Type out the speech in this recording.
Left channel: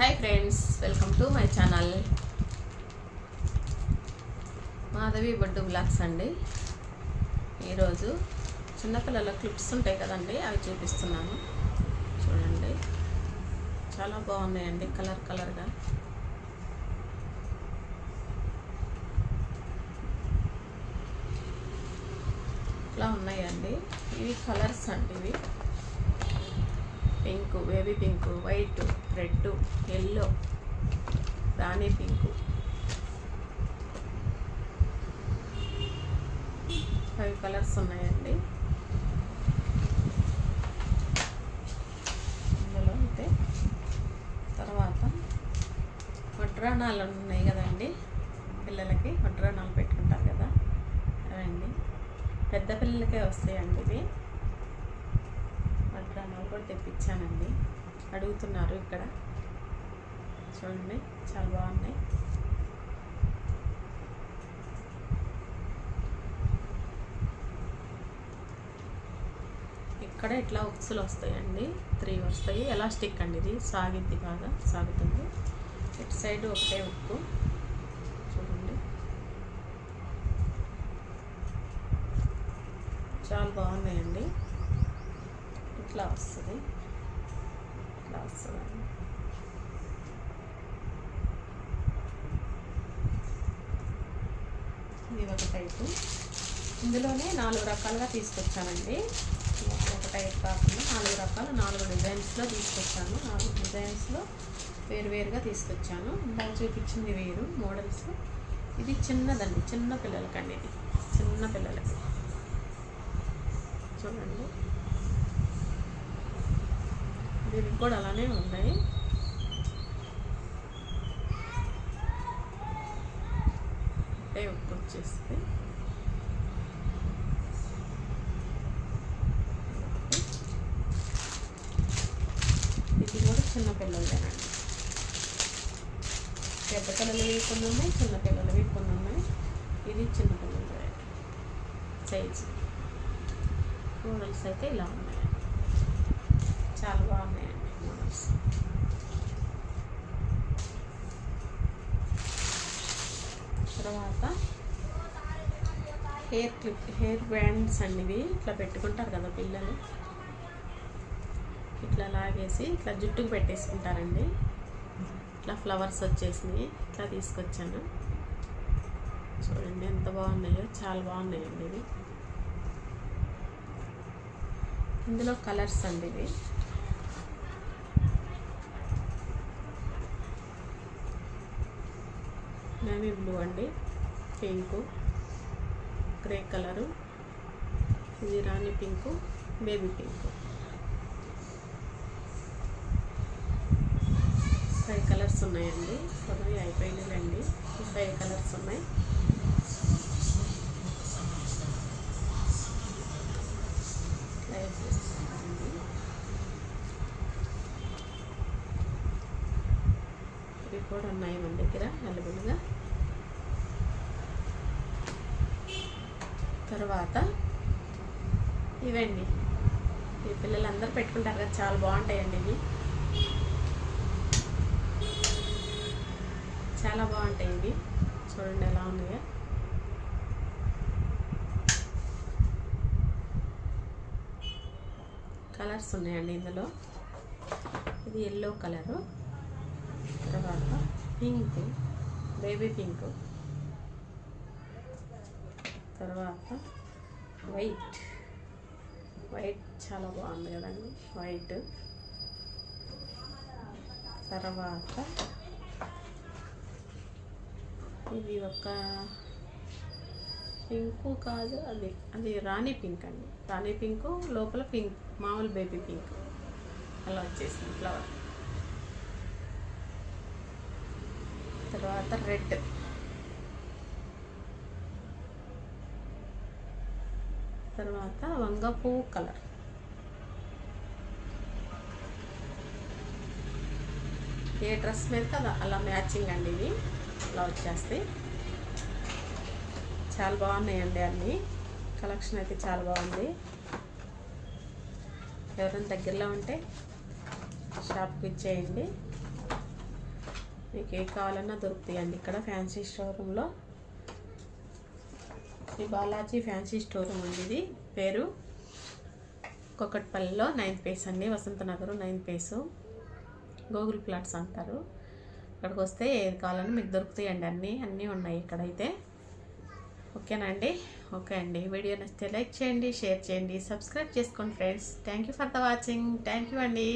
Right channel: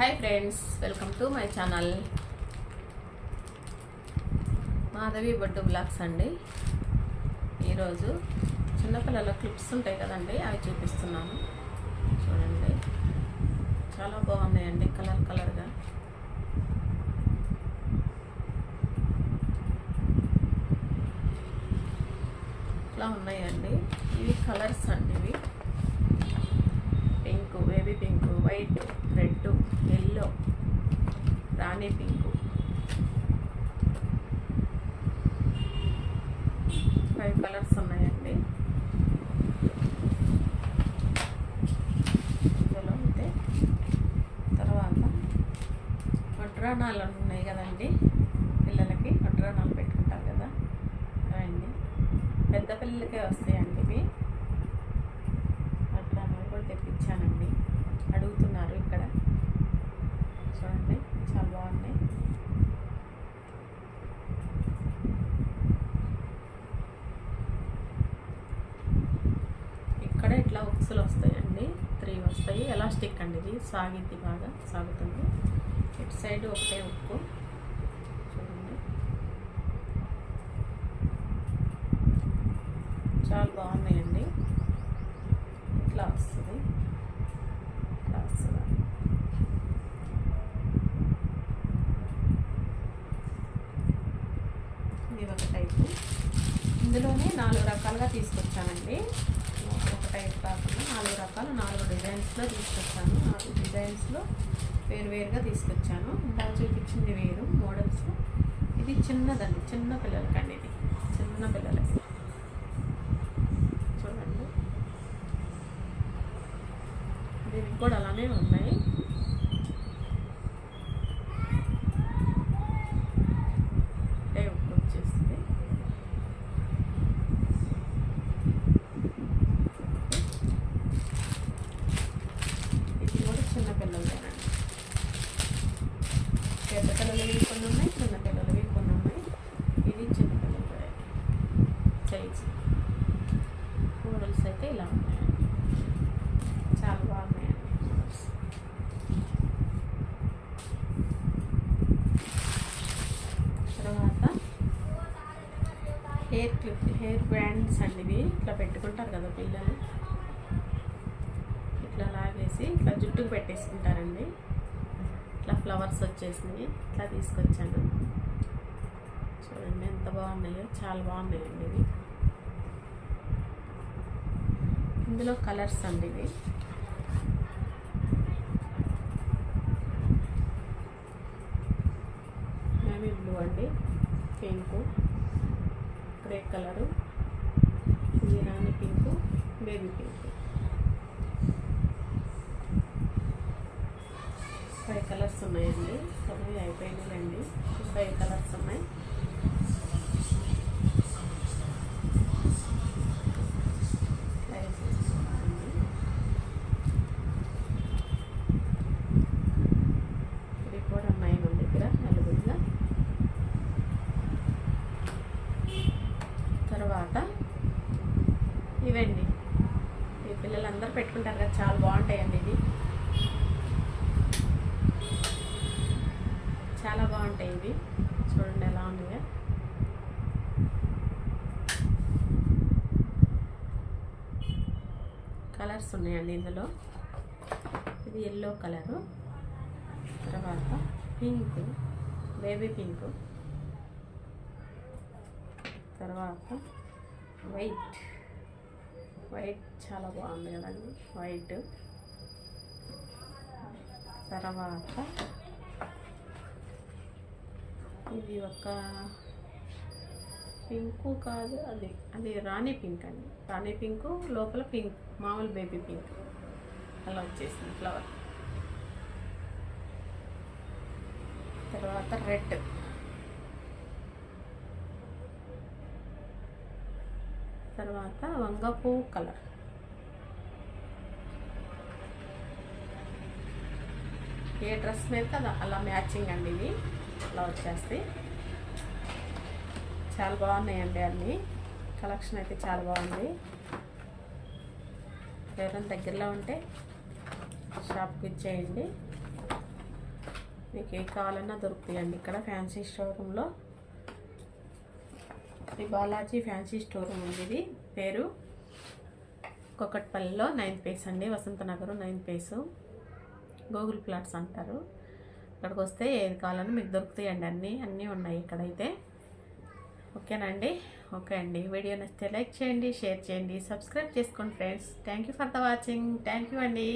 Hi friends, welcome to my channel Madhavi Boddu blogs అండి. ఈరోజు చిన్నపిల్లల క్లిప్స్ ఉంటాయి కదండి, అవి చూపిస్తున్నాను. చూడండి, చాలా బాగున్నాయండి, కలర్ కలర్గా. ఇట్లా ఉన్నాయండి. ఇవి కలర్స్ అండి. ఇవి pink, baby pink, white, red, yellow, రాణి పింక్, 5 కలర్స్ ఉన్నాయండి ఇందులో. అయితే తర్వాత వడ్రాణాలు ఉన్నాయి కదండి, పిల్లలకి వడ్రాణాలు పెట్టుకుంటారు కదా, అవండి. పెద్ద పిల్లలకే వస్తాయండి ఇవి. వడ్రాణాలు కూడా తెప్పించానండి, అడుగుతున్నారు ఇక్కడ. చూడండి, చాలా బాగున్నాయి. ఇక్కడ ఇట్లా ఉక్సులు వస్తాయండి, 3 వస్తాయి. ఎలాస్టిక్ అండి, ఇది సాగిద్ది, బాగా సాగుతుంది. ఇటు సైడ్ ఒకటే ఉక్కు. చూడండి, చాలా బాగున్నాయండి. ఇట్లా వస్తుంది, ఇట్లా వస్తుందండి. ఇది ఒక టైపు. ఇందులోనే 4 రకాలుగా తీసుకొచ్చానండి. ఒక టైప్ కాకుండా 4 రకాలు, 4 డిజైన్స్లో తీసుకొచ్చాను. 4 డిజైన్స్లో వేరువేరుగా తీసుకొచ్చాను. ఇందాక చూపించింది వేరు మోడల్స్. ఇది చిన్నదండి, చిన్న పిల్లలకండి. ఇది చిన్న పిల్లలకి. చూడండి, దీనికి కూడా అలానే ఉన్నాయి. ఉక్కు వచ్చేస్తుంది. ఇది కూడా చిన్న పిల్లలదేనండి. పెద్ద పిల్లలవి కొన్ని ఉన్నాయి, చిన్న పిల్లలవి కొన్ని ఉన్నాయి. ఇది చిన్న పిల్లలదే సైజు. మోడల్స్ అయితే ఇలా ఉన్నాయండి, చాలా బాగున్నాయండి మోడల్స్. తర్వాత హెయిర్ క్లిప్, హెయిర్ బ్యాండ్స్ అండి. ఇవి ఇట్లా పెట్టుకుంటారు కదా పిల్లలు, ఇట్లా లాగేసి ఇట్లా జుట్టుకు పెట్టేసుకుంటారండి. ఇట్లా ఫ్లవర్స్ వచ్చేసినాయి, ఇట్లా తీసుకొచ్చాను. చూడండి ఎంత బాగున్నాయో, చాలా బాగున్నాయండి ఇవి. ఇందులో కలర్స్ అండి. ఇవి నేవీ బ్లూ అండి, పింకు, గ్రే కలరు, ఇది రాణి పింకు, బేబీ పింకు. 5 కలర్స్ ఉన్నాయండి. అవి అయిపోయినాయండి. 5 కలర్స్ ఉన్నాయి. ఇవి కూడా ఉన్నాయి మన దగ్గర అవైలబుల్గా. తర్వాత ఇవండి, ఈ పిల్లలందరూ పెట్టుకుంటారు కదా, చాలా బాగుంటాయండి ఇవి. చాలా బాగుంటాయి ఇవి. చూడండి ఎలా ఉన్నాయో. కలర్స్ ఉన్నాయండి ఇందులో. ఇది ఎల్లో కలరు, తర్వాత పింక్, బేబీ పింక్, తర్వాత వైట్. వైట్ చాలా బాగుంది కదండి, వైట్. తర్వాత ఇది ఒక పింకు కాదు, అది రాణి పింక్ అండి. రాణి పింకు లోపల పింక్, మామూలు బేబీ పింక్ అలా వచ్చేసింది ఫ్లవర్. తర్వాత రెడ్, తర్వాత వంగ పువ్వు కలర్, ఏ డ్రెస్ మీద కదా అలా మ్యాచింగ్ అండి. ఇవి అలా వచ్చేస్తాయి. చాలా బాగున్నాయండి అన్నీ. కలెక్షన్ అయితే చాలా బాగుంది. ఎవరైనా దగ్గరలో ఉంటే షాప్కి ఇచ్చేయండి. మీకు ఏ కావాలన్నా దొరుకుతాయండి ఇక్కడ ఫ్యాన్సీ షోరూంలో. Sri Balaji fancy store room అండి ఇది పేరు. కొకట్పల్లిలో 9th ఫేస్ అండి, Vasanthnagar 9th face, Google plots అంటారు. ఇక్కడికి వస్తే ఏది కావాలన్నా మీకు దొరుకుతాయండి, అన్నీ ఉన్నాయి ఇక్కడైతే. ఓకేనండి. ఓకే అండి, వీడియో నచ్చితే లైక్ చేయండి, షేర్ చేయండి, సబ్స్క్రైబ్ చేసుకోండి friends. Thank you for the watching. Thank you అండి.